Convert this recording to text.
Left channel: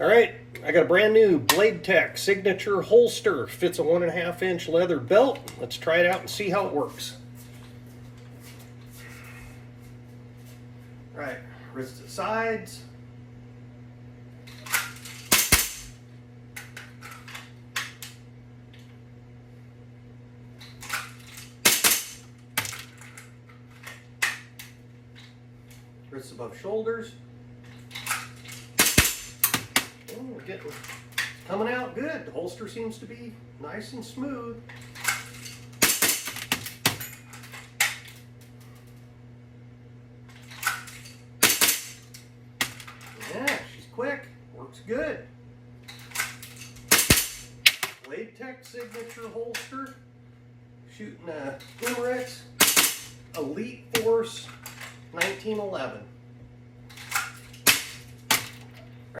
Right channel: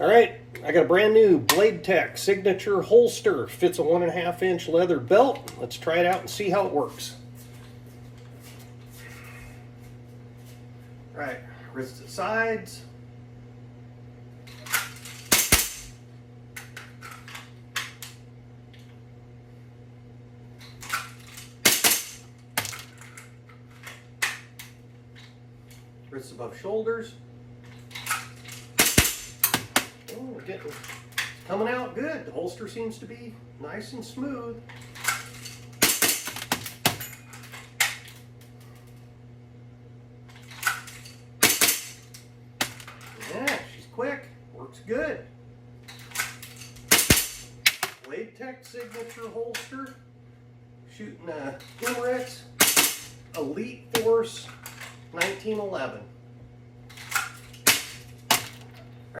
All right, I got a brand new Blade Tech signature holster. Fits a 1.5 inch leather belt. Let's try it out and see how it works. All right, wrist to sides. Wrists above shoulders. Oh, we're getting coming out good. The holster seems to be nice and smooth. Yeah, she's quick. Works good. Blade Tech signature holster. Shooting a Emirates Elite Force 1911.